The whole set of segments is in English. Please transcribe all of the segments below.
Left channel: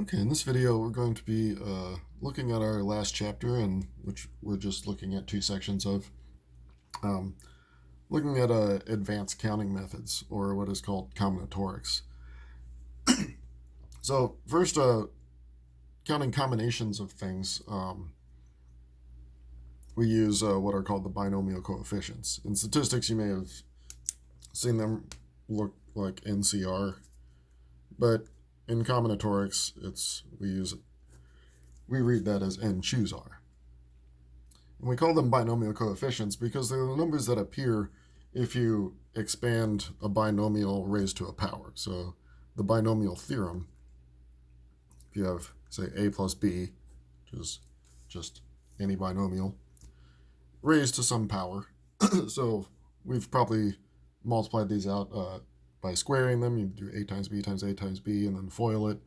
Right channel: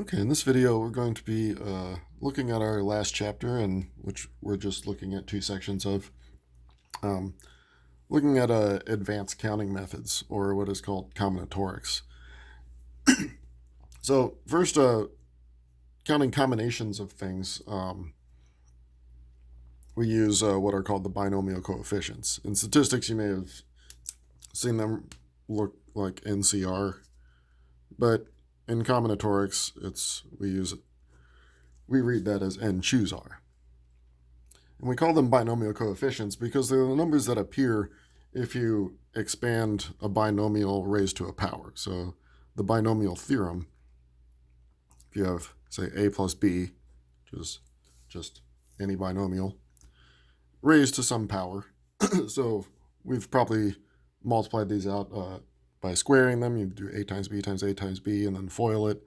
Okay, in this video we're going to be looking at our last chapter, in which we're just looking at two sections of, um, looking at advanced counting methods, or what is called combinatorics. So first, counting combinations of things, we use what are called the binomial coefficients. In statistics, you may have seen them look like NCR, but in combinatorics, we read that as N choose R. And we call them binomial coefficients because they're the numbers that appear if you expand a binomial raised to a power. So the binomial theorem, if you have, say, a plus b, which is just any binomial, raised to some power. So we've probably multiplied these out by squaring them. You do a times b times a times b and then FOIL it.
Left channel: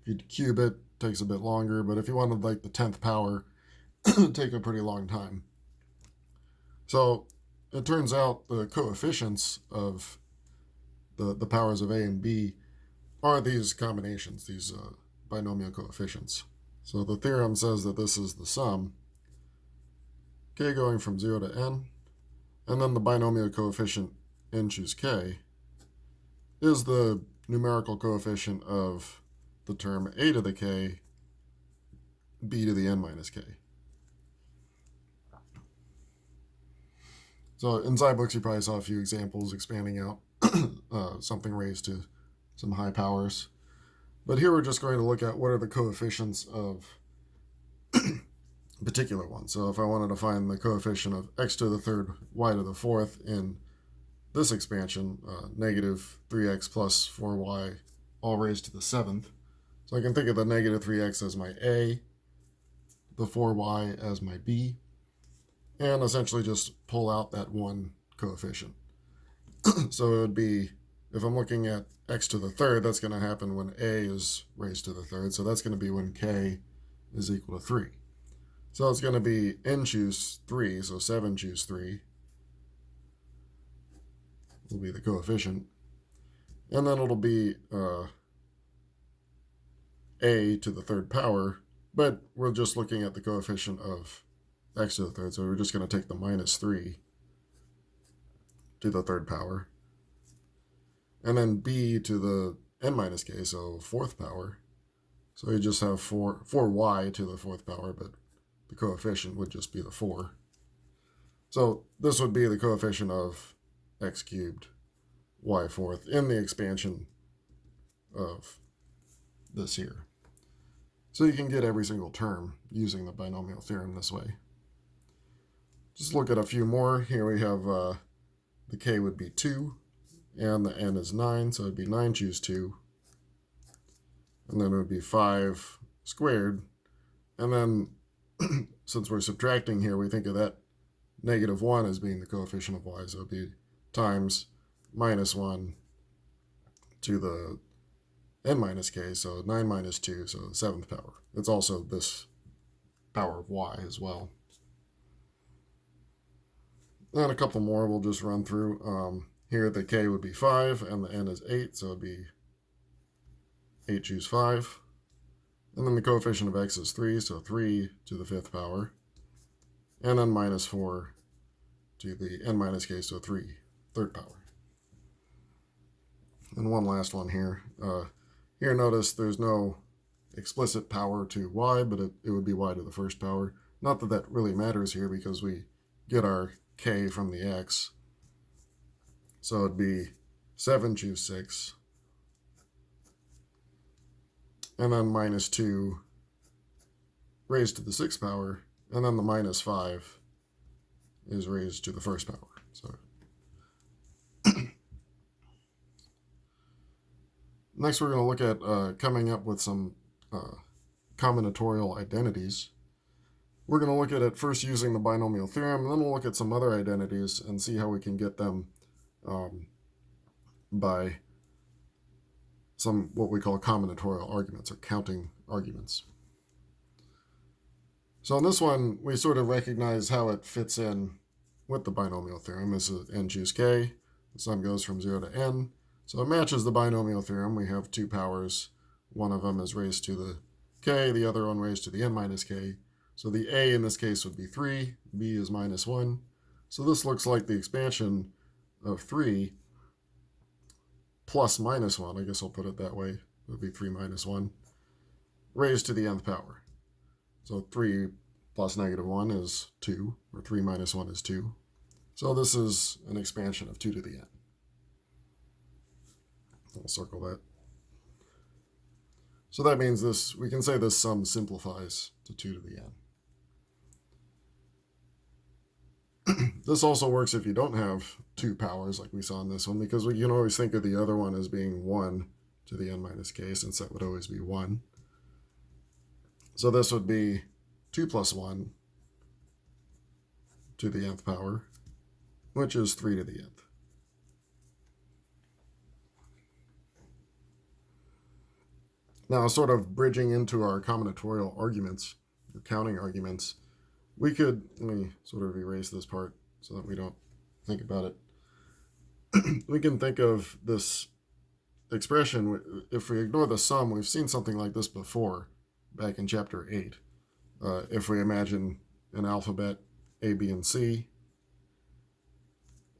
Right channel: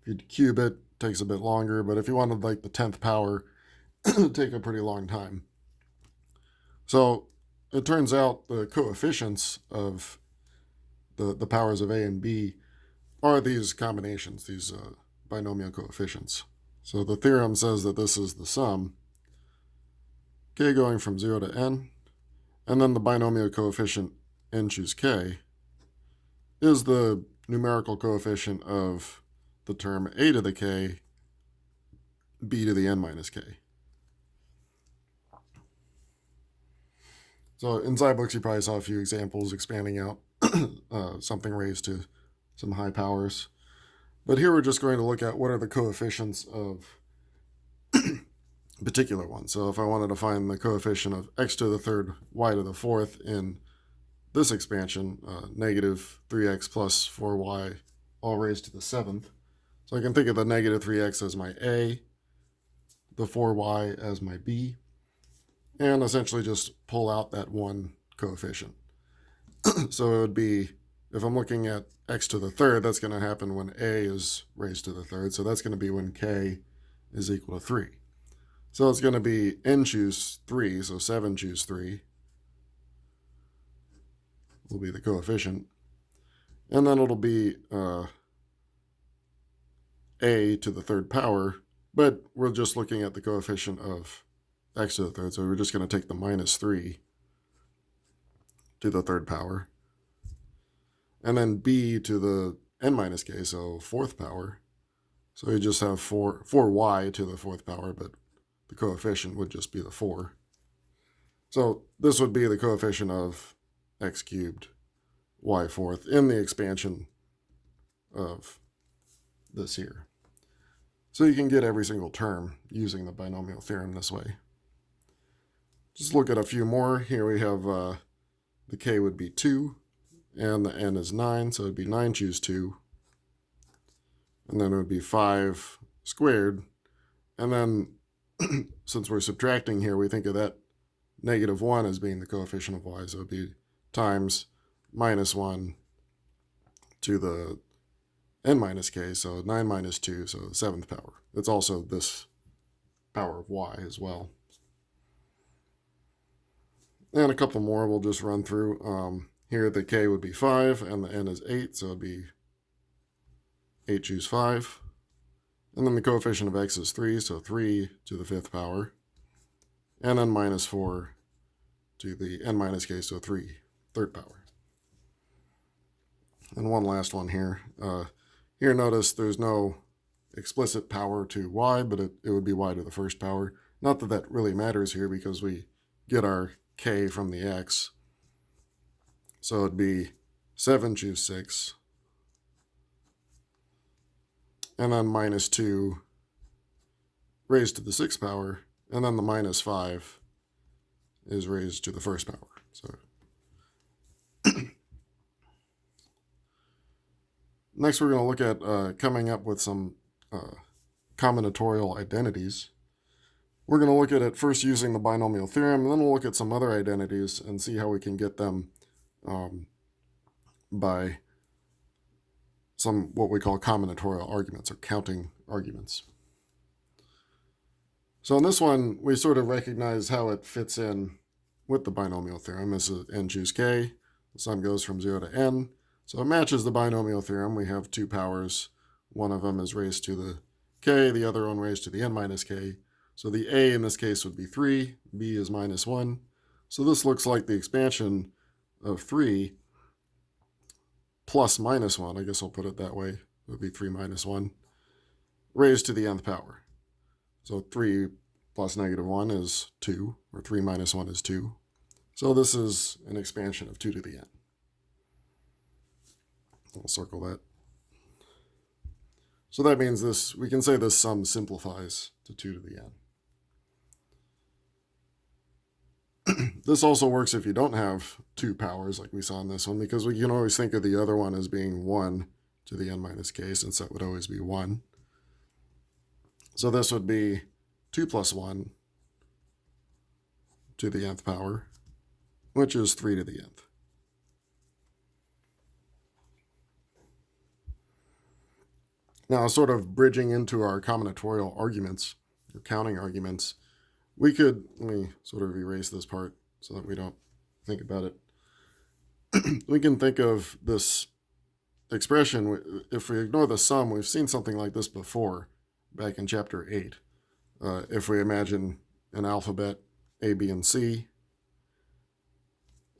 If you cube it, it takes a bit longer, but if you wanted like the 10th power, it would take a pretty long time. So it turns out the coefficients of the powers of a and b are these combinations, these binomial coefficients. So the theorem says that this is the sum, k going from 0 to n, and then the binomial coefficient n choose k is the numerical coefficient of the term a to the k, b to the n minus k. So in books, you probably saw a few examples expanding out something raised to some high powers. But here we're just going to look at what are the coefficients of particular ones. So if I wanted to find the coefficient of x to the third, y to the fourth in this expansion, negative 3x plus 4y all raised to the seventh. So I can think of the negative 3x as my a, the 4y as my b, and essentially just pull out that one coefficient. So it would be, if I'm looking at x to the third, that's going to happen when a is raised to the third. So that's going to be when k is equal to 3. So it's going to be n choose 3, so 7 choose 3 will be the coefficient. And then it'll be a to the third power, but we're just looking at the coefficient of x to the third, so we're just going to take the minus 3 to the third power. And then b to the n minus k, so fourth power. So you just have 4y to the fourth power, but the coefficient would just be the 4. So this would be the coefficient of x cubed y fourth in the expansion of this here. So you can get every single term using the binomial theorem this way. Just look at a few more. Here we have the k would be 2, and the n is 9, so it would be 9 choose 2. And then it would be 5 squared. And then, since we're subtracting here, we think of that negative 1 as being the coefficient of y, so it would be times minus 1 to the n minus k, so 9 minus 2, so the 7th power. It's also this power of y as well. And a couple more we'll just run through. Here the k would be 5, and the n is 8, so it would be 8 choose 5. And then the coefficient of x is 3, so 3 to the 5th power. And then minus 4 to the n minus k, so 3, third power. And one last one here. Here notice there's no explicit power to y, but it would be y to the first power. Not that that really matters here because we get our k from the x. So it'd be 7 choose 6. And then minus 2 raised to the 6th power. And then the minus 5 is raised to the first power. So next we're going to look at coming up with some combinatorial identities. We're going to look at it first using the binomial theorem, and then we'll look at some other identities and see how we can get them by some what we call combinatorial arguments, or counting arguments. So in this one, we sort of recognize how it fits in with the binomial theorem. This is n choose k. The sum goes from 0 to n. So it matches the binomial theorem. We have two powers, one of them is raised to the k, the other one raised to the n minus k. So the a in this case would be 3, b is minus 1. So this looks like the expansion of 3 plus minus 1, I guess I'll put it that way, it would be 3 minus 1, raised to the nth power. So 3 plus negative 1 is 2, or 3 minus 1 is 2. So this is an expansion of 2 to the n. I'll circle that. So that means this, we can say this sum simplifies to 2 to the n. This also works if you don't have 2 powers like we saw in this one, because we can always think of the other one as being 1 to the n minus k, since that would always be 1. So this would be 2 plus 1 to the nth power, which is 3 to the nth. Now, sort of bridging into our combinatorial arguments, or counting arguments, we could, let me sort of erase this part so that we don't think about it. We can think of this expression, if we ignore the sum, we've seen something like this before, back in chapter 8. If we imagine an alphabet A, B, and C,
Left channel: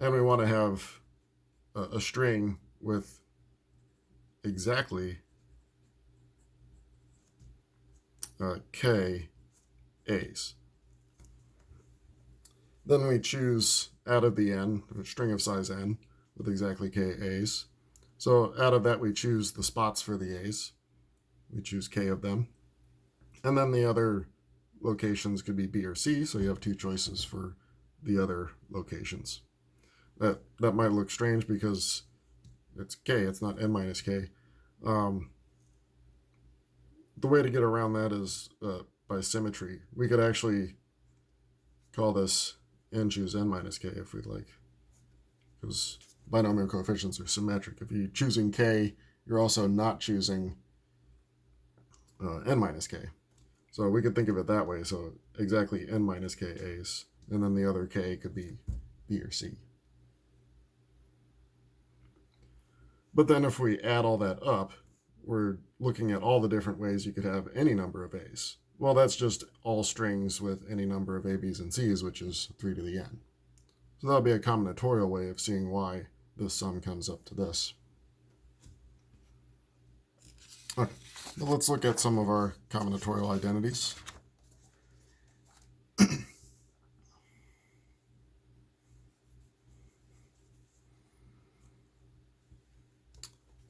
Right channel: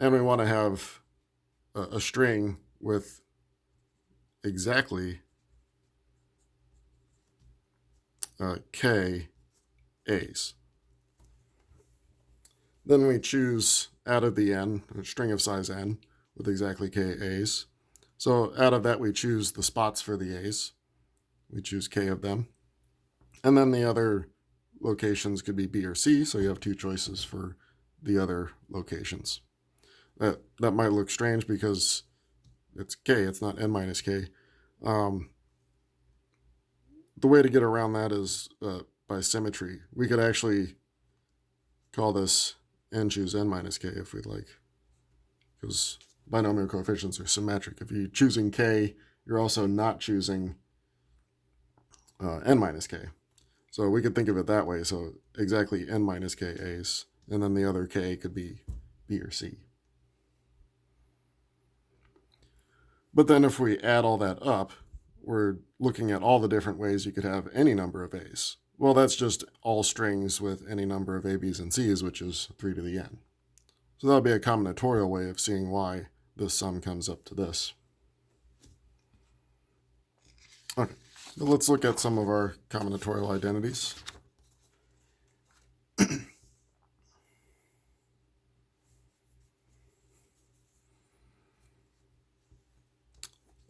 and we want to have a string with exactly k a's. Then we choose out of the n, a string of size n, with exactly k a's. So out of that we choose the spots for the a's. We choose k of them. And then the other locations could be b or c, so you have 2 choices for the other locations. That might look strange because it's k, it's not n minus k. The way to get around that is by symmetry. We could actually call this n choose n minus k if we'd like, because binomial coefficients are symmetric. If you're choosing k, you're also not choosing n minus k. So we could think of it that way. So exactly n minus k a's, and then the other k could be b or c. But then if we add all that up, we're looking at all the different ways you could have any number of a's. Well, that's just all strings with any number of a, b's, and c's, which is 3 to the n. So that would be a combinatorial way of seeing why this sum comes up to this. Okay, well, let's look at some of our combinatorial identities.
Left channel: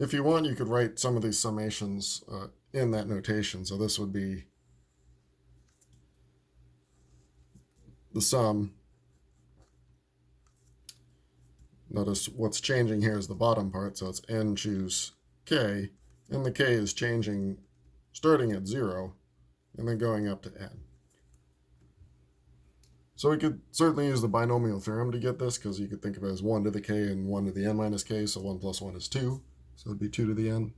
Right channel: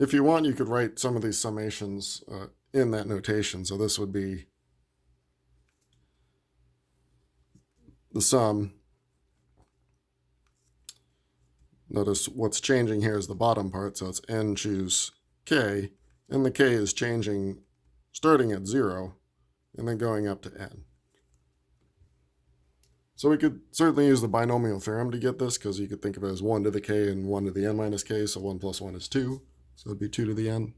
If you want, you could write some of these summations in that notation. So this would be the sum. Notice what's changing here is the bottom part, so it's n choose k, and the k is changing starting at 0 and then going up to n. So we could certainly use the binomial theorem to get this, because you could think of it as 1 to the k and 1 to the n minus k, so 1 plus 1 is 2. So it'd be 2 to the n.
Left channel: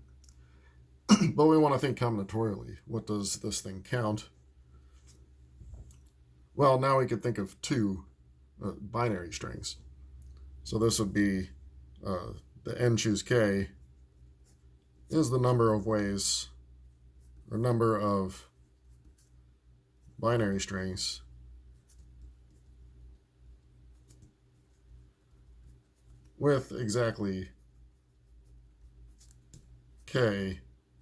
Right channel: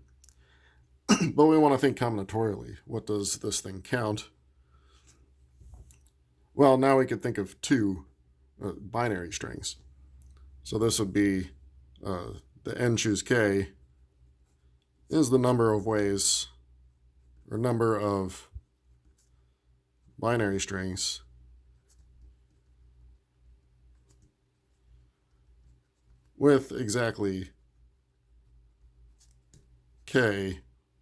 But we want to think combinatorially. What does this thing count? Well, now we could think of 2 binary strings. So this would be the n choose k is the number of ways, or number of binary strings with exactly k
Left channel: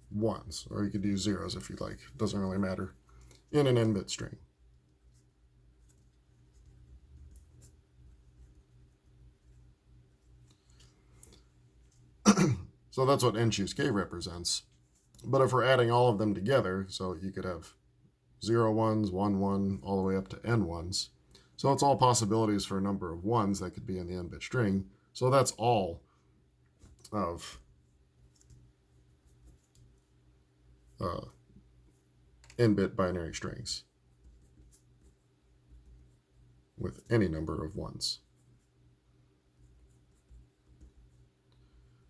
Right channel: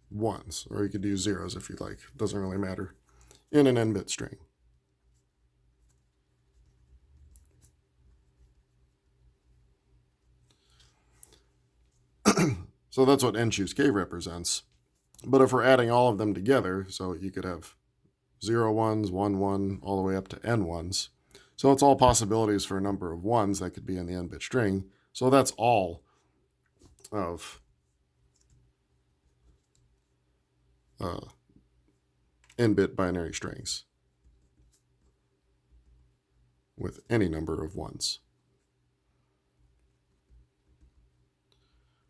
ones, or you could do zeros if you'd like. It doesn't really matter, in an n-bit string. So that's what n choose k represents. But if we're adding all of them together, so you could have 0 ones, 1 1, all the way up to n ones. So it's all possibilities for a number of ones that could be in the n-bit string. So that's all of n-bit binary strings with any number of ones.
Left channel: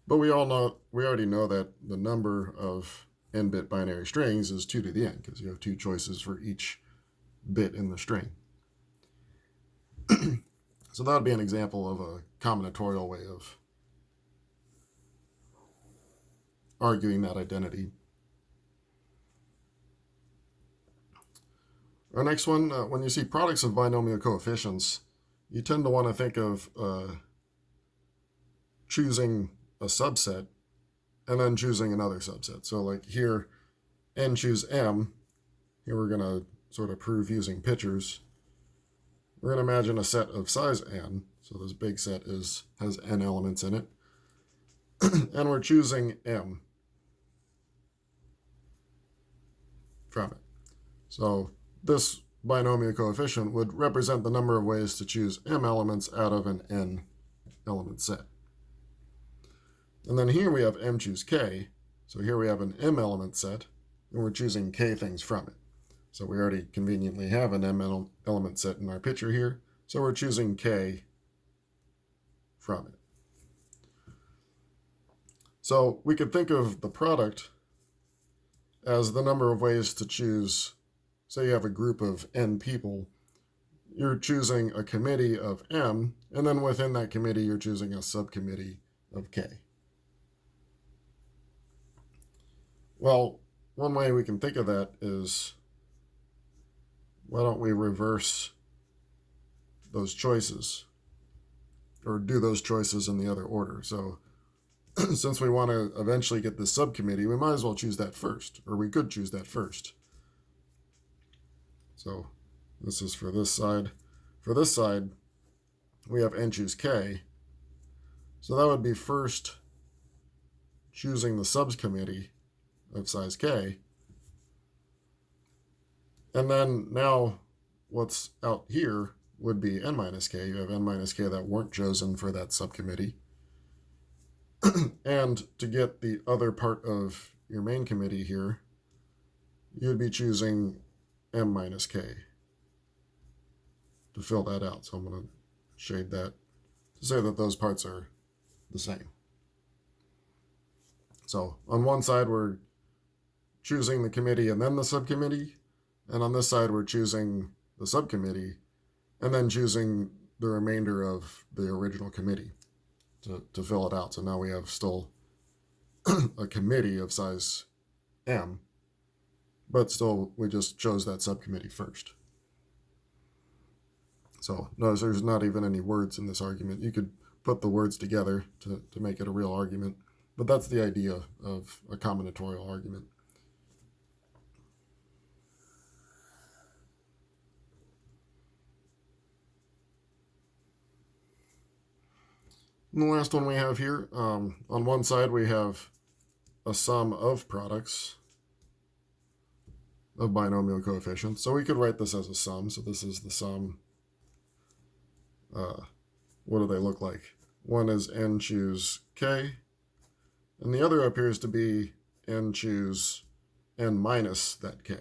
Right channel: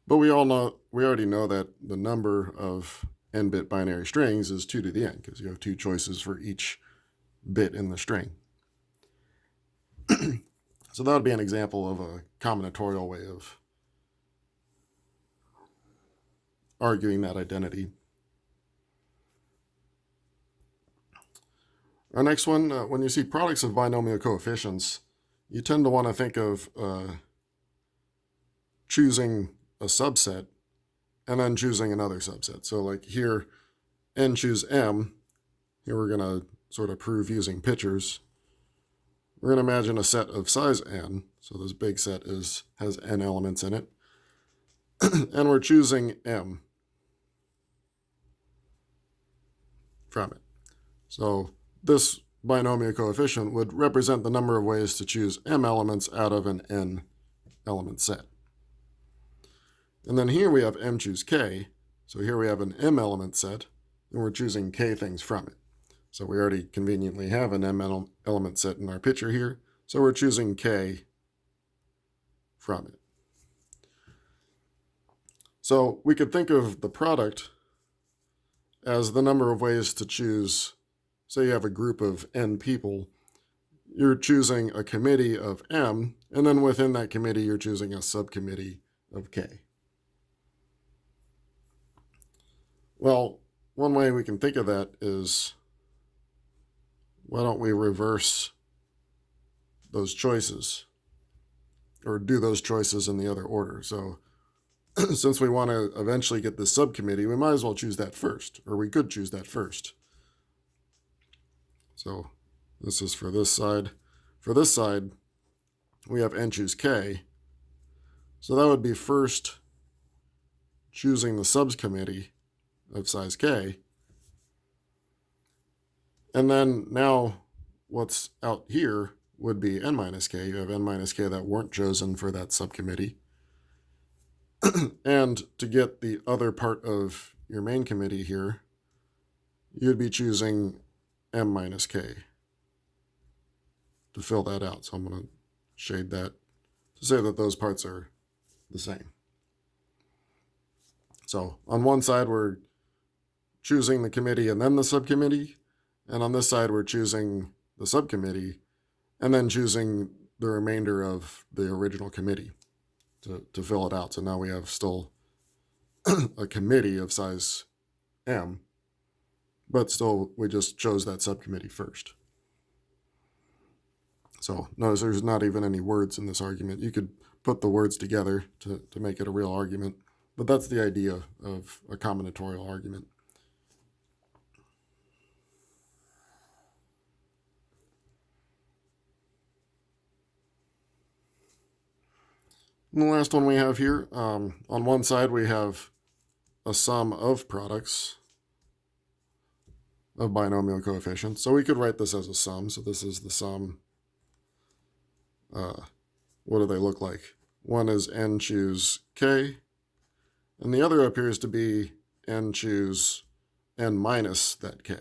But we already know that the number of n-bit binary strings is 2 to the n, because you have 2 choices for each bit in the string. So that would be an example of a combinatorial way of arguing that identity. Our next one, when you see products of binomial coefficients, you tend to want to think of choosing a subset and then choosing another subset. So like here, n choose m. Here we're going to sort of prove using pictures. We're going to imagine a set of size n. So this big set has n elements in it. And we're choosing m from it. So this binomial coefficient would represent the number of ways to choose m elements out of an n element set. And then here we have m choose k. So here we have an m element set, and we're choosing k things from it. So we already conveniently have an m element set in our picture here, so we're choosing k from it. So we could think of the product as the number of ways to choose. Say you have a group of n people, you're choosing a committee of m, and then within that committee you're choosing a subcommittee of k. Well, one way we can think of that is, why don't we reverse those choices, or do those choices in the other order? So since we want to eventually get this subcommittee, we might as well choose that first, or we could choose that first. So this is for this side. For this side, we have n choose k. So that would be first choosing the subcommittee of size k. And then now what's out here would be n minus k. You have n minus k that weren't chosen for that subcommittee. And to get the other part of your main committee here, you'd be choosing m minus k to fill that out. So I'm going to shade that to say that those parts are the same. So on one side, we're choosing the committee and then the subcommittee. And on this side, we're choosing the subcommittee and then choosing the remainder of the original committee to fill it out. So now we have still a committee of size m, but still we just chose that subcommittee first. So notice there's not even any words in this argument. You could put the words together to make it a real argument, but that's the idea of a combinatorial argument. And the last one we have here, on one side we have a sum of products of binomial coefficients. So we could write this as a sum. So this is the sum. What do they look like? One is n choose k, and the other appears to be n choose n minus that k.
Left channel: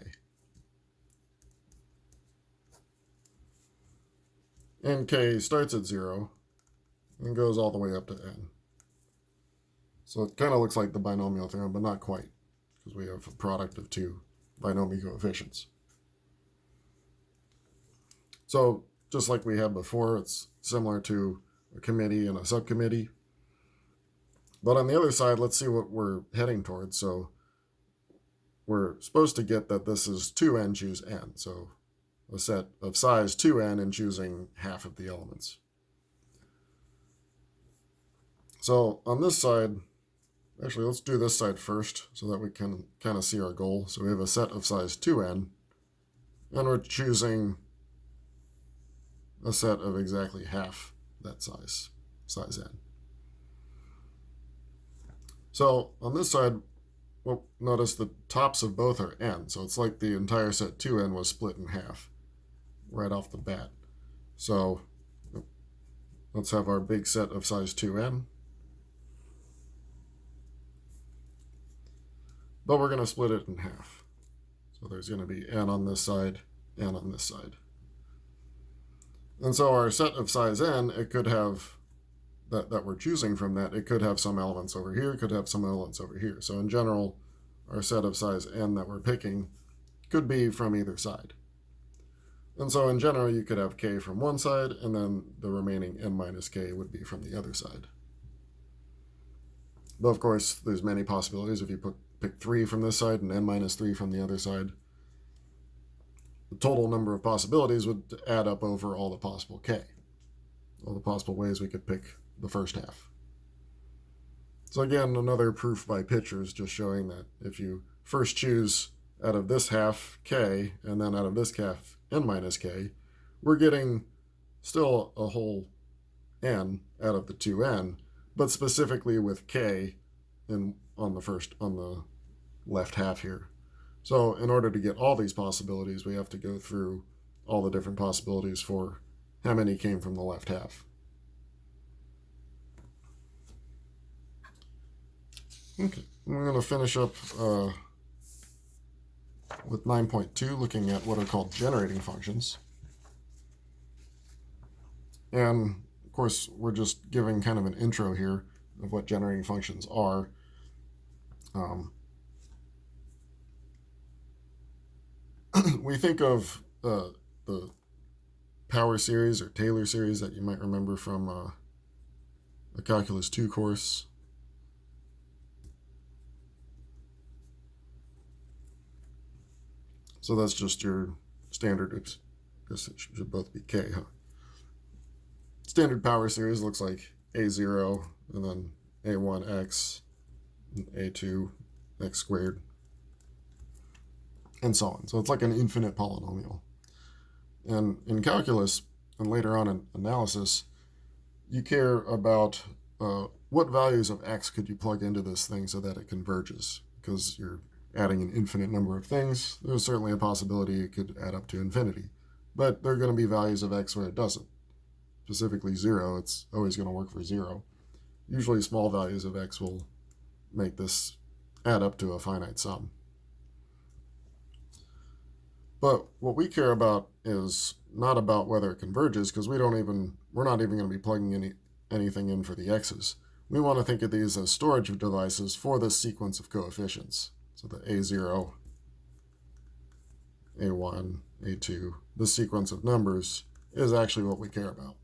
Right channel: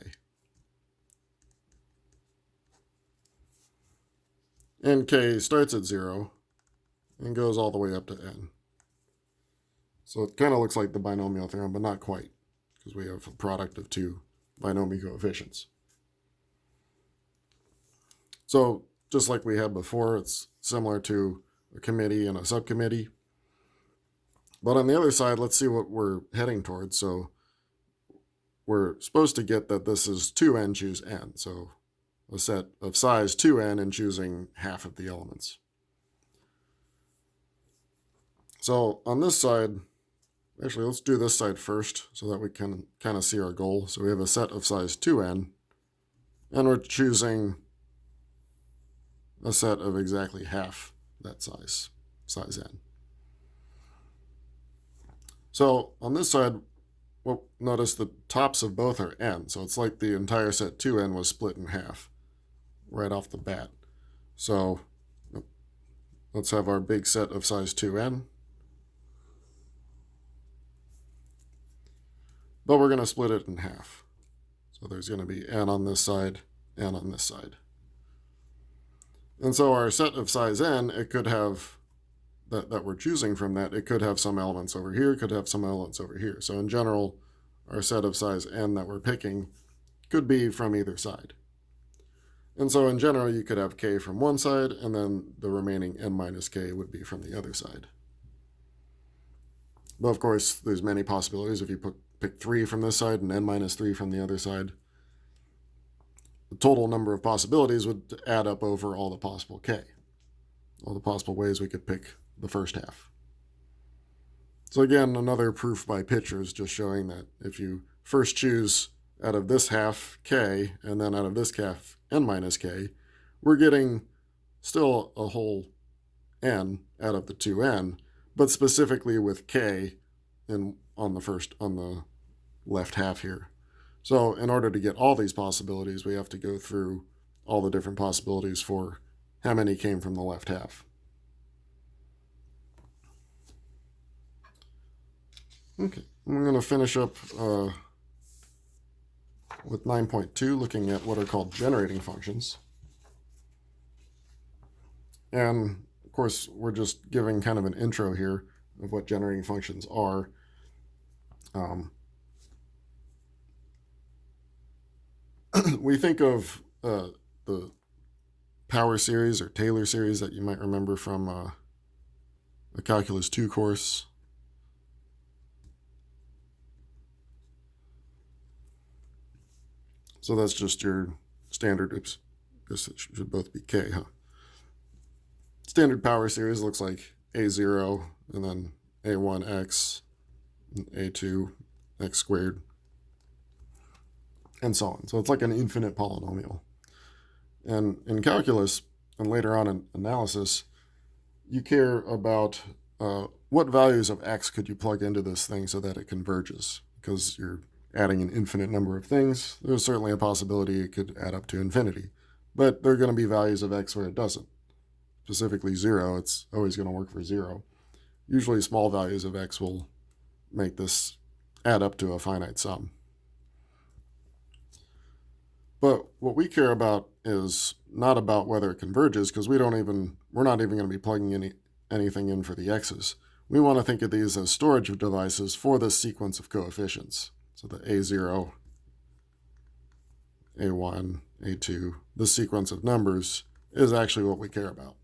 And k starts at 0 and goes all the way up to n. So it kind of looks like the binomial theorem, but not quite, because we have a product of two binomial coefficients. So just like we had before, it's similar to a committee and a subcommittee. But on the other side, let's see what we're heading towards. So we're supposed to get that this is 2n choose n. So a set of size 2n and choosing half of the elements. So on this side, actually let's do this side first so that we can kind of see our goal. So we have a set of size 2n, and we're choosing a set of exactly half that size n. So on this side, well, notice the tops of both are n. So it's like the entire set 2n was split in half right off the bat. So let's have our big set of size 2n. But we're going to split it in half. So there's going to be n on this side, n on this side. And so our set of size n, it could have, that we're choosing from that, it could have some elements over here, could have some elements over here. So in general, our set of size n that we're picking could be from either side. And so in general, you could have k from one side, and then the remaining n minus k would be from the other side. But of course, there's many possibilities. If you pick 3 from this side and n minus 3 from the other side, the total number of possibilities would add up over all the possible k, all the possible ways we could pick the first half. So again, another proof by pictures, just showing that if you first choose out of this half k, and then out of this half n minus k, we're getting still a whole n out of the 2n, but specifically with k on the left half here. So in order to get all these possibilities, we have to go through all the different possibilities for how many came from the left half. Okay, I'm going to finish up with 9.2, looking at what are called generating functions. And of course, we're just giving kind of an intro here of what generating functions are. We think of the power series or Taylor series that you might remember from a Calculus 2 course. So that's just your standard, oops, I guess it should both be k, huh? Standard power series looks like a0 and then a1x, and a2 x squared, and so on. So it's like an infinite polynomial. And in calculus, and later on in analysis, you care about what values of x could you plug into this thing so that it converges, because you're adding an infinite number of things. There's certainly a possibility it could add up to infinity, but there are going to be values of x where it doesn't. Specifically 0, it's always going to work for 0. Usually small values of x will make this add up to a finite sum. But what we care about is not about whether it converges, because we're not even going to be plugging anything in for the x's. We want to think of these as storage devices for this sequence of coefficients. So the a0, a1, a2, this sequence of numbers is actually what we care about.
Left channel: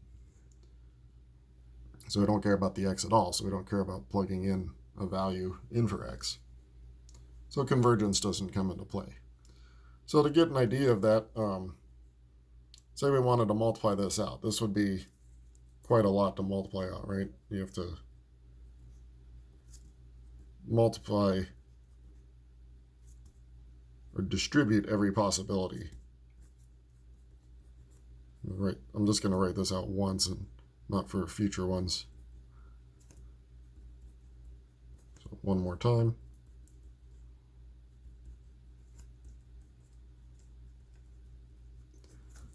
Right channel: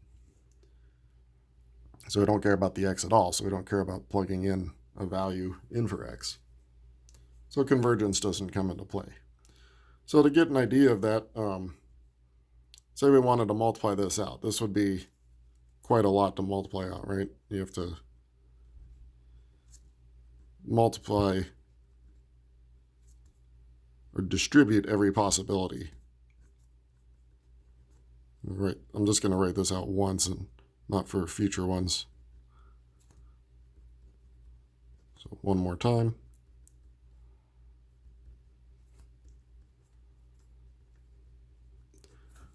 So we don't care about the x at all, so we don't care about plugging in a value in for x. So convergence doesn't come into play. So to get an idea of that, say we wanted to multiply this out. This would be quite a lot to multiply out, right? You have to multiply or distribute every possibility. Right, I'm just going to write this out once and not for future ones. So one more time.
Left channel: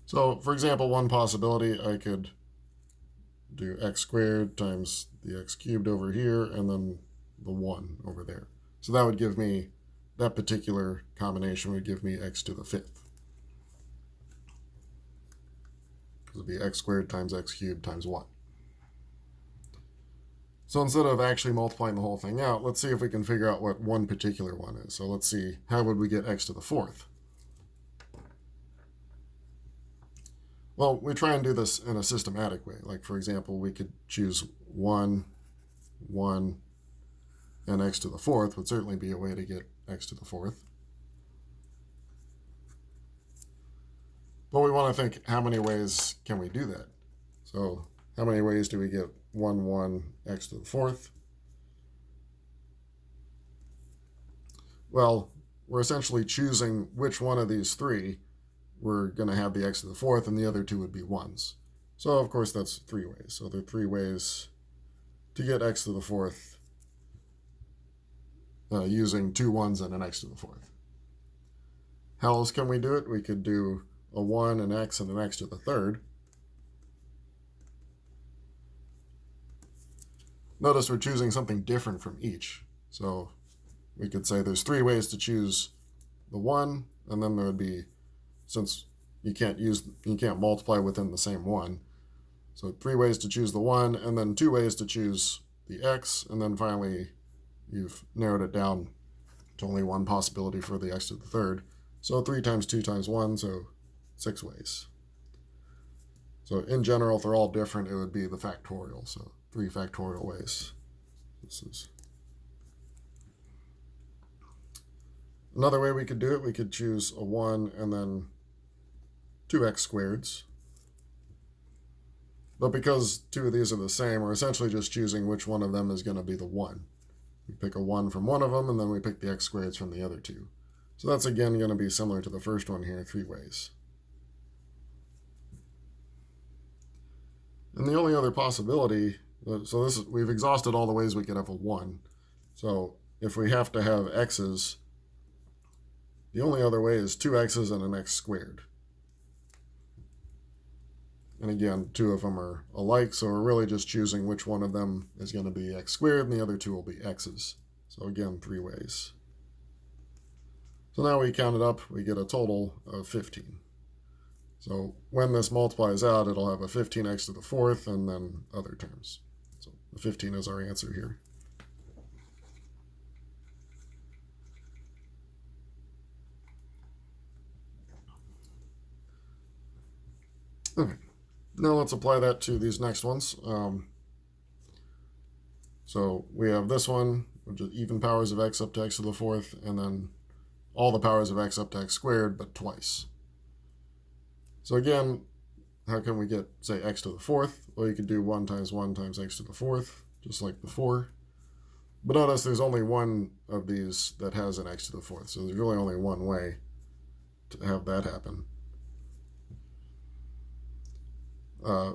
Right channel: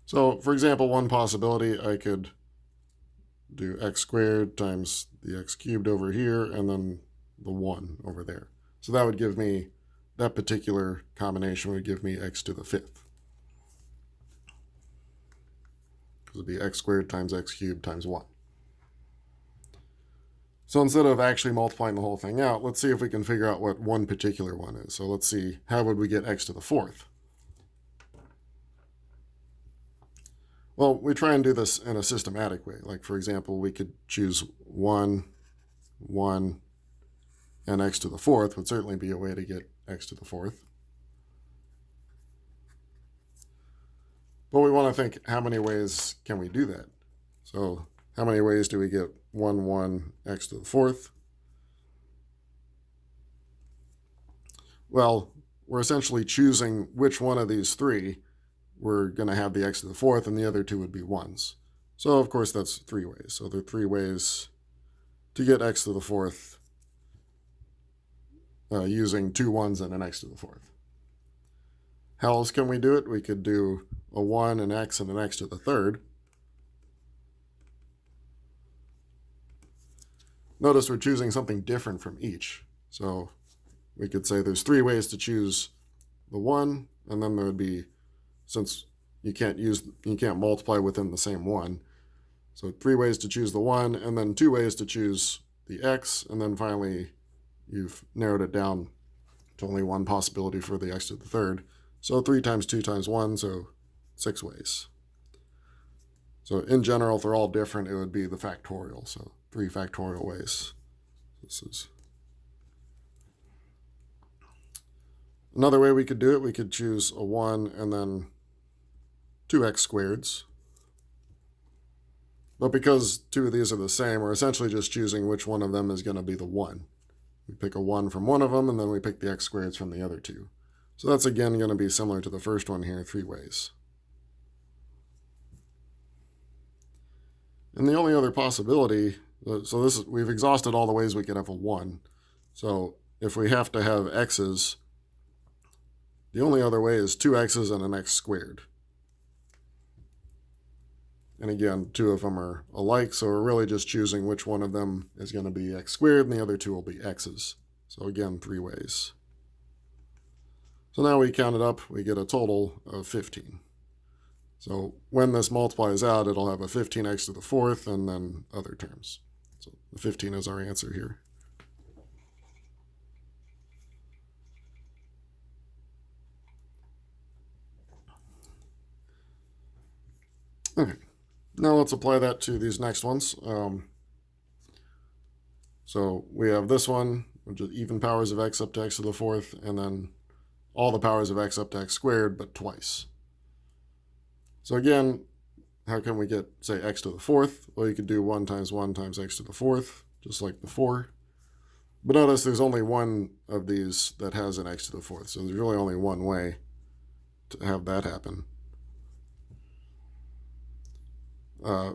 So for example, one possibility, I could do x squared times the x cubed over here and then the 1 over there. So that would give me, that particular combination would give me x to the 5th. It would be x squared times x cubed times 1. So instead of actually multiplying the whole thing out, let's see if we can figure out what one particular one is. So let's see, how would we get x to the 4th? Well, we try and do this in a systematic way. Like, for example, we could choose 1, 1, and x to the 4th would certainly be a way to get x to the 4th. But we want to think, how many ways can we do that? So how many ways do we get 1, 1, x to the 4th? Well, we're essentially choosing which one of these three we're going to have the x to the 4th, and the other two would be 1s. So, of course, that's 3 ways. So there are 3 ways to get x to the 4th using 2 1s and an x to the 4th. How else can we do it? We could do a 1, an x, and an x to the 3rd. Notice we're choosing something different from each. So we could say there's 3 ways to choose the 1, and then there would be, since you can't multiply within the same one, so 3 ways to choose the 1, and then 2 ways to choose the x, and then finally you've narrowed it down to only one possibility for the x to the 3rd. So 3 times 2 times 1, so 6 ways. So in general, if they're all different, it would be the factorial, so 3 factorial ways. This is another way we could do it. We could choose a 1 and then 2x squareds. But because two of these are the same, we're essentially just choosing which one of them is going to be the 1. We pick a 1 from one of them, and then we pick the x squareds from the other two. So that's again going to be similar to the first one here, 3 ways. And the only other possibility, so this is, we've exhausted all the ways we could have a 1. So if we have to have x's, the only other way is 2 x's and an x squared. And again, 2 of them are alike, so we're really just choosing which one of them is going to be x squared, and the other 2 will be x's. So again, 3 ways. So now we count it up, we get a total of 15. So when this multiplies out, it'll have a 15x to the 4th and then other terms. So the 15 is our answer here. Okay, now let's apply that to these next ones. So we have this one, which is even powers of x up to x to the 4th, and then all the powers of x up to x squared, but twice. So again, how can we get, say, x to the 4th? Well, you could do 1 times 1 times x to the 4th, just like before. But notice there's only one of these that has an x to the 4th, so there's really only one way to have that happen.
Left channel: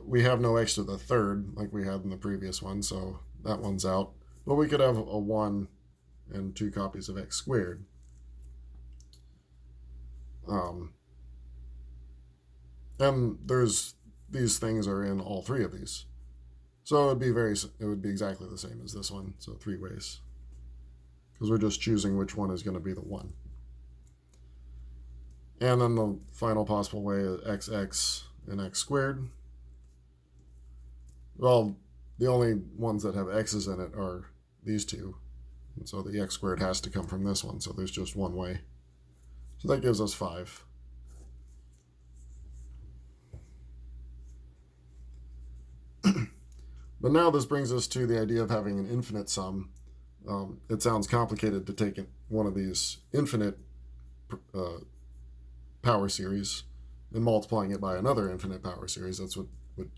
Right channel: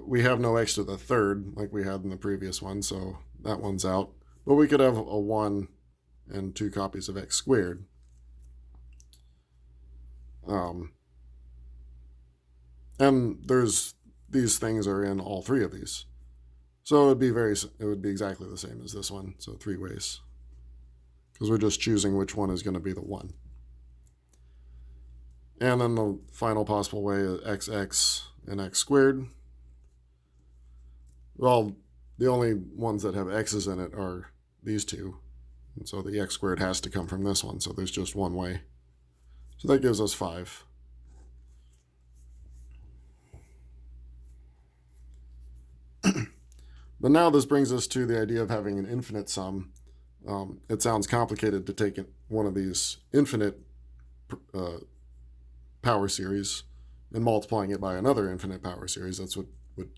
We have no x to the 3rd like we had in the previous one, so that one's out. But we could have a 1 and 2 copies of x squared. And these things are in all 3 of these. So it would be exactly the same as this one, so 3 ways. Because we're just choosing which one is going to be the 1. And then the final possible way is xx and x squared. Well, the only ones that have x's in it are these 2. And so the x squared has to come from this one, so there's just one way. So that gives us 5. But now this brings us to the idea of having an infinite sum. It sounds complicated to take one of these infinite power series and multiplying it by another infinite power series. That's what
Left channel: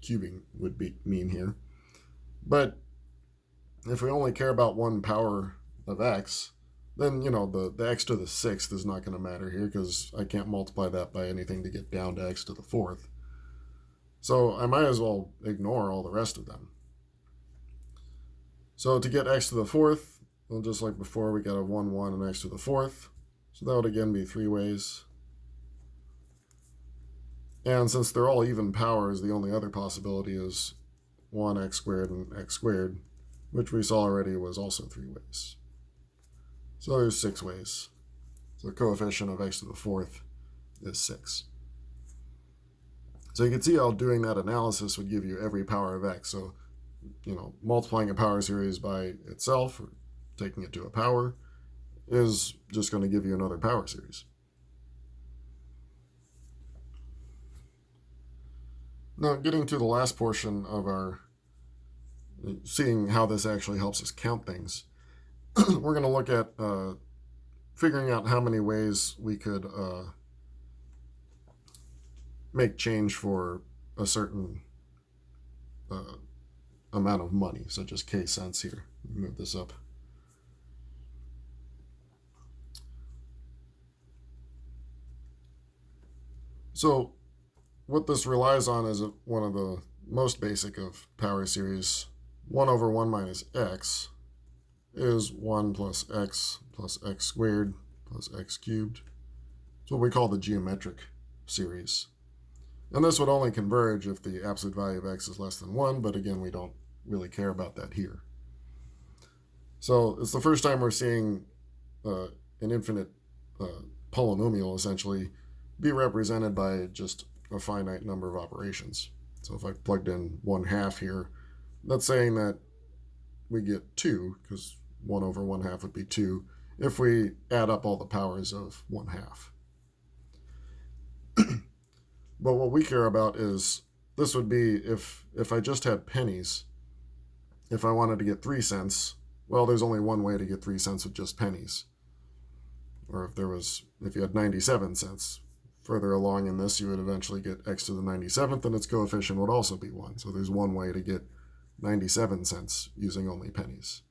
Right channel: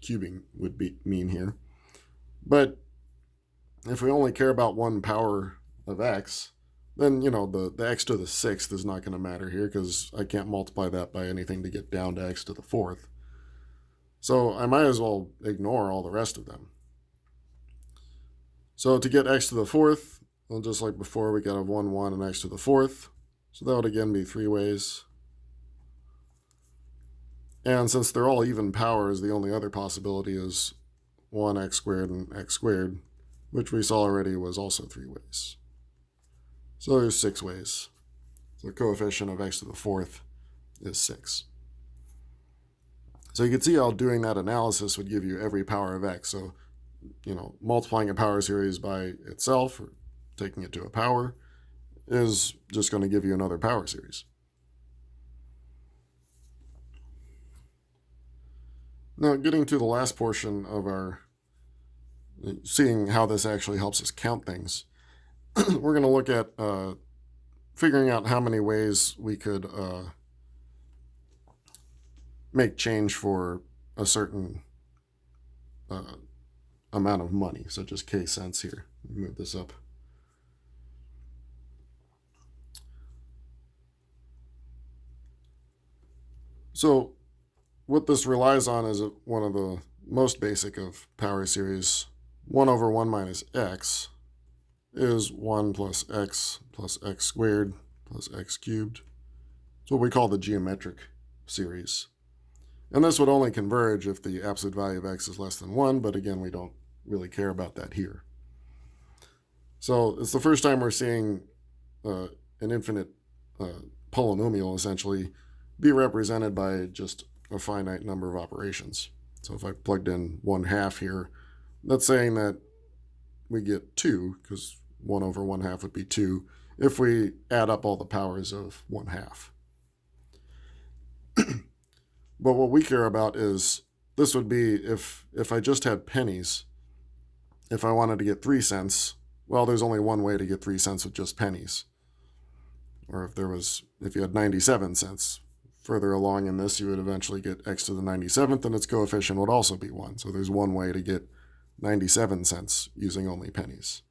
cubing would mean here. But if we only care about one power of x, then, the x to the 6th is not going to matter here because I can't multiply that by anything to get down to x to the 4th. So I might as well ignore all the rest of them. So to get x to the 4th, well, just like before, we got to have 1, 1, and x to the 4th. So that would again be 3 ways. And since they're all even powers, the only other possibility is 1x squared and x squared, which we saw already was also 3 ways. So there's 6 ways. So the coefficient of x to the 4th is 6. So you can see how doing that analysis would give you every power of x. So, multiplying a power series by itself or taking it to a power is just going to give you another power series. Now, getting to the last portion of our seeing how this actually helps us count things, we're going to look at figuring out how many ways we could make change for a certain amount of money, such as K cents here. Move this up. So what this relies on is one of the most basic of power series. 1 over 1 minus x is 1 plus x squared plus x cubed. It's what we call the geometric series. And this would only converge if the absolute value of x is less than 1, but again, we don't really care about that here. So it's the first time we're seeing an infinite polynomial essentially be represented by just a finite number of operations. So if I plugged in 1/2 here, that's saying that we get 2, because 1 over 1/2 would be 2, if we add up all the powers of 1/2. But what we care about is, this would be if I just had pennies, if I wanted to get 3 cents, well, there's only one way to get 3 cents with just pennies. Or if you had 97 cents, further along in this, you would eventually get x to the 97th, and its coefficient would also be 1. So there's one way to get 97 cents using only pennies.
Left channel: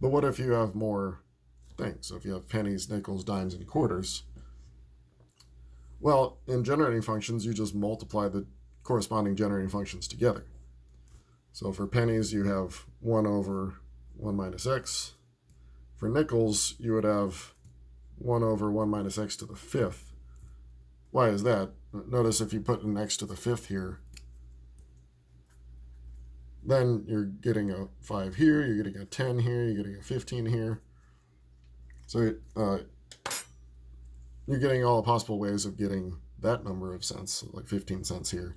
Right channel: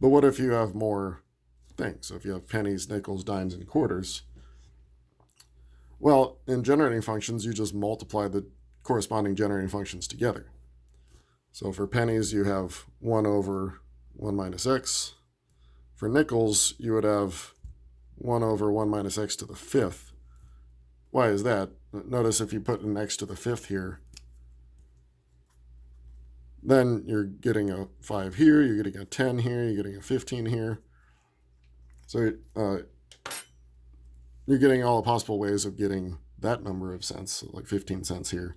But what if you have more things? So if you have pennies, nickels, dimes, and quarters, well, in generating functions, you just multiply the corresponding generating functions together. So for pennies, you have 1 over 1 minus x. For nickels, you would have 1 over 1 minus x to the 5th. Why is that? Notice if you put an x to the 5th here, then you're getting a 5 here, you're getting a 10 here, you're getting a 15 here. So you're getting all the possible ways of getting that number of cents, like 15 cents here,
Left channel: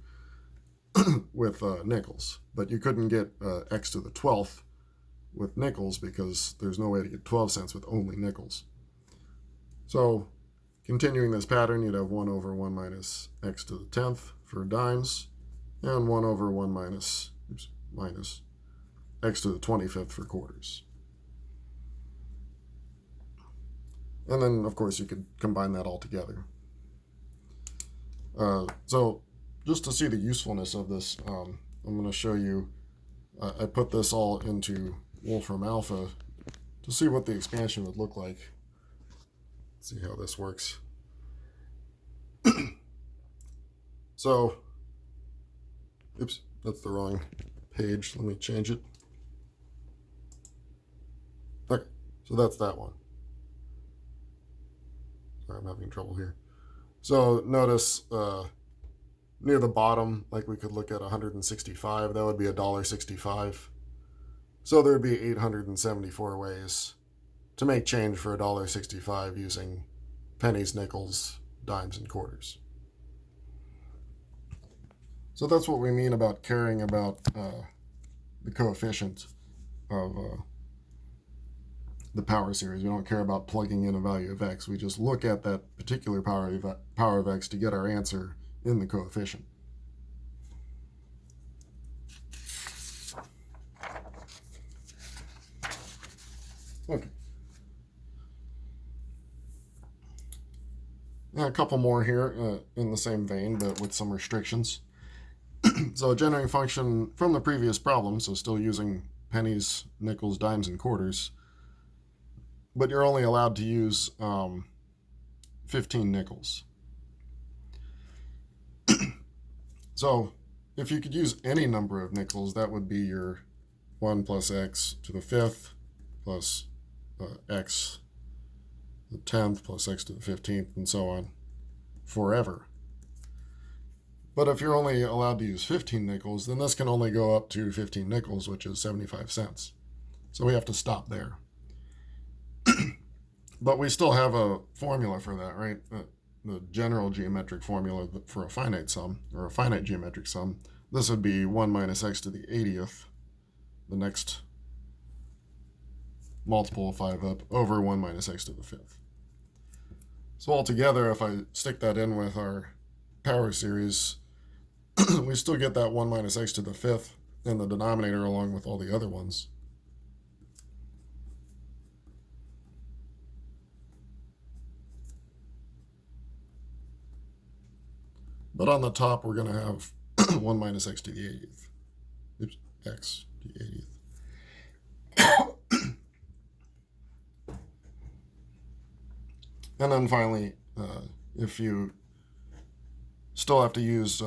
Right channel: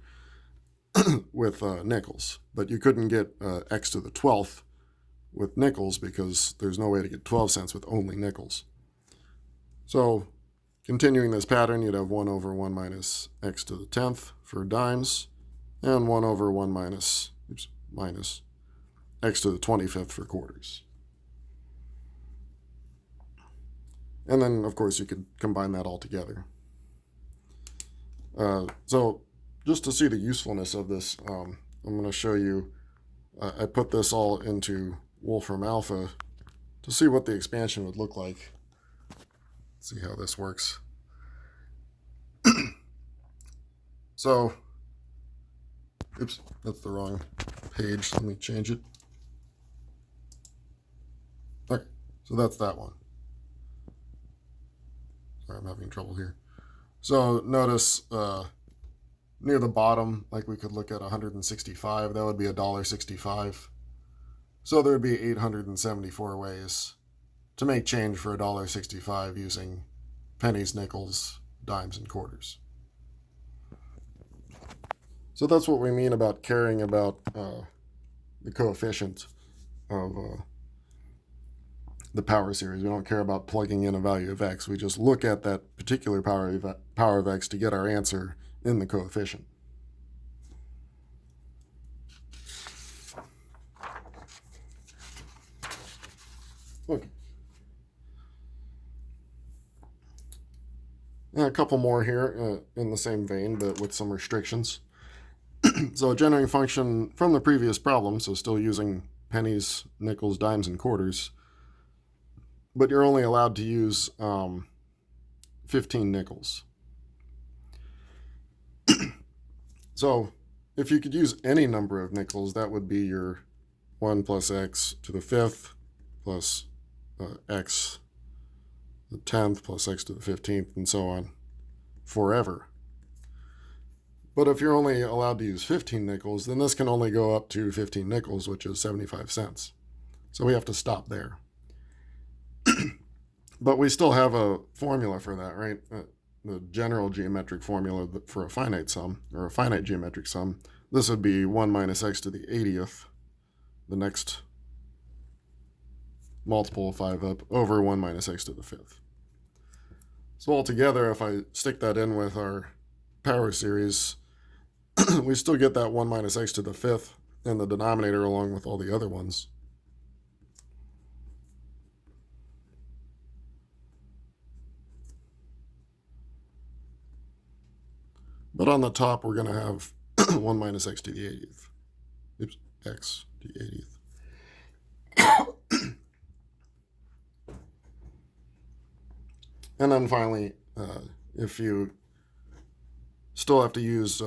with nickels. But you couldn't get x to the 12th with nickels because there's no way to get 12 cents with only nickels. So continuing this pattern, you'd have 1 over 1 minus x to the 10th for dimes, and 1 over 1 minus x to the 25th for quarters. And then, of course, you could combine that all together. So just to see the usefulness of this, I'm going to show you, I put this all into Wolfram Alpha to see what the expansion would look like. Let's see how this works. So, oops, that's the wrong page. Let me change it. Okay, so that's that one. Sorry, I'm having trouble here. So notice near the bottom, like we could look at 165, that would be $1.65. So there would be 874 ways to make change for $1.65 using pennies, nickels, dimes, and quarters. So that's what we mean about caring about the coefficient of the power series. We don't care about plugging in a value of x. We just look at that particular power of x to get our answer in the coefficient. Okay. And a couple more here in the same vein, but with some restrictions. So a generating function from the previous problem, so still using pennies, nickels, dimes, and quarters, but you're only allowed to use 15 nickels. So if you could use any number of nickels, that would be your 1 plus x to the 5th plus x to the 10th plus x to the 15th, and so on forever. But if you're only allowed to use 15 nickels, then this can only go up to 15 nickels, which is 75 cents. So we have to stop there. But we still have a formula for that, right? The general geometric formula for a finite sum, or a finite geometric sum. This would be 1 minus x to the 80th, the next multiple of 5 up, over 1 minus x to the 5th. So altogether, if I stick that in with our power series, we still get that 1 minus x to the 5th in the denominator along with all the other ones. But on the top, we're going to have 1 minus x to the 80th. Oops, x to the 80th. And then finally, if you still have to use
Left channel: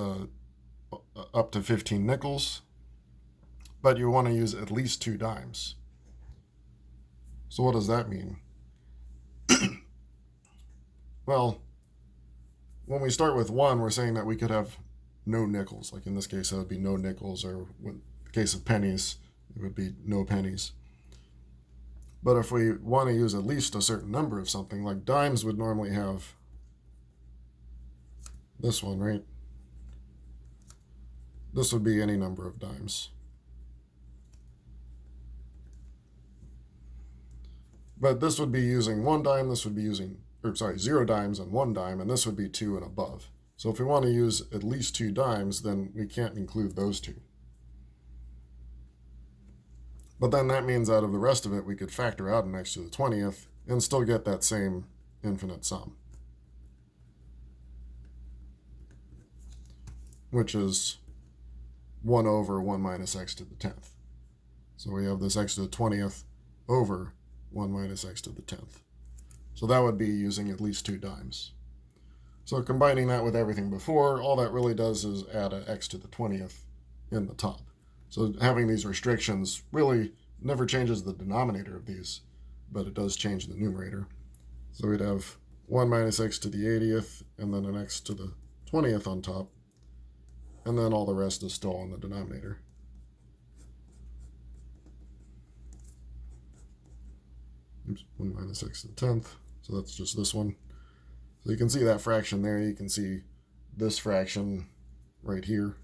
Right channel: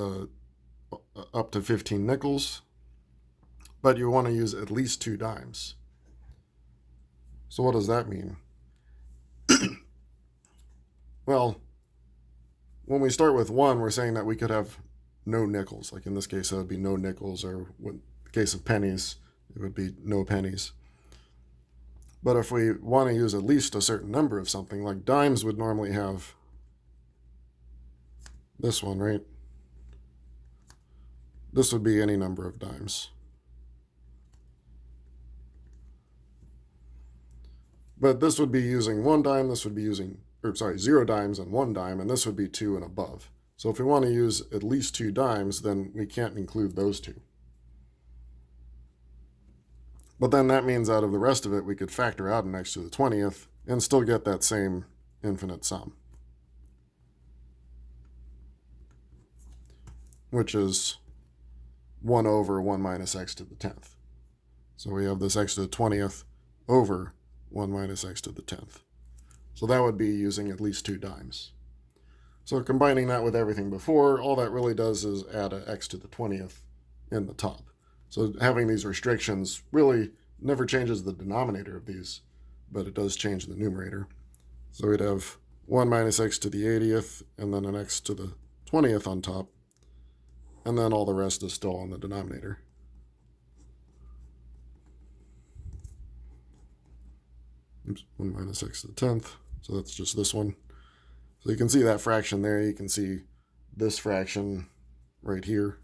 up to 15 nickels, but you want to use at least 2 dimes. So what does that mean? Well, when we start with 1, we're saying that we could have no nickels. Like in this case, it would be no nickels, or in the case of pennies, it would be no pennies. But if we want to use at least a certain number of something, like dimes would normally have this one, right? This would be any number of dimes. But this would be using 1 dime, this would be using, 0 dimes and 1 dime, and this would be 2 and above. So if we want to use at least 2 dimes, then we can't include those 2. But then that means out of the rest of it, we could factor out an x to the 20th and still get that same infinite sum. which is 1 over 1 minus x to the 10th. So we have this x to the 20th over 1 minus x to the 10th. So that would be using at least 2 dimes. So combining that with everything before, all that really does is add an x to the 20th in the top. So having these restrictions really never changes the denominator of these, but it does change the numerator. So we'd have 1 minus x to the 80th, and then an x to the 20th on top, and then all the rest is still on the denominator. Oops, 1 minus x to the 10th, so that's just this one. So you can see that fraction there, you can see this fraction right here.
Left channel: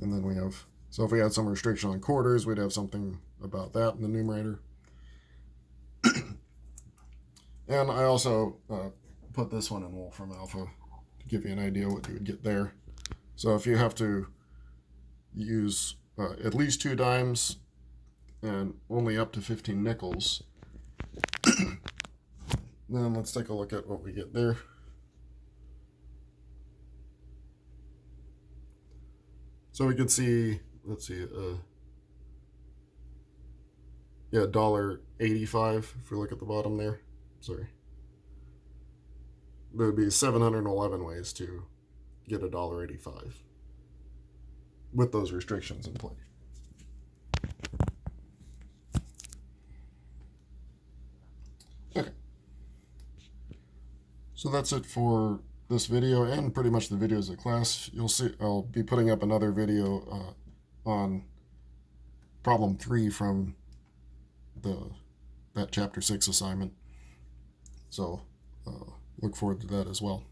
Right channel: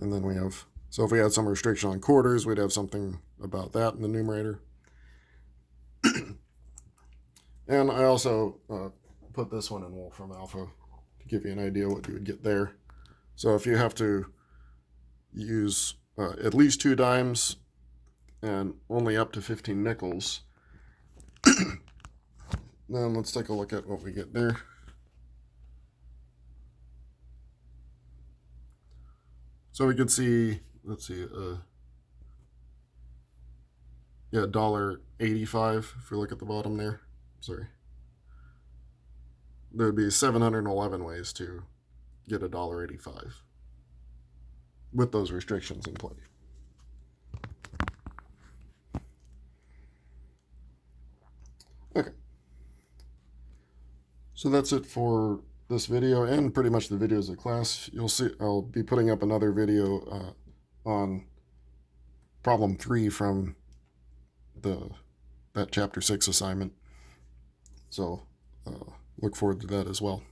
And then we have, so if we had some restriction on quarters, we'd have something about that in the numerator. And I also put this one in Wolfram Alpha to give you an idea what you would get there. So if you have to use at least 2 dimes and only up to 15 nickels, then let's take a look at what we get there. So we could see, let's see, yeah, $1.85 if we look at the bottom there. Sorry. There would be 711 ways to get $1.85 with those restrictions in play. Okay. So that's it for this video and pretty much the videos of class. You'll see I'll be putting up another video on problem 3 from that chapter 6 assignment. So look forward to that as well.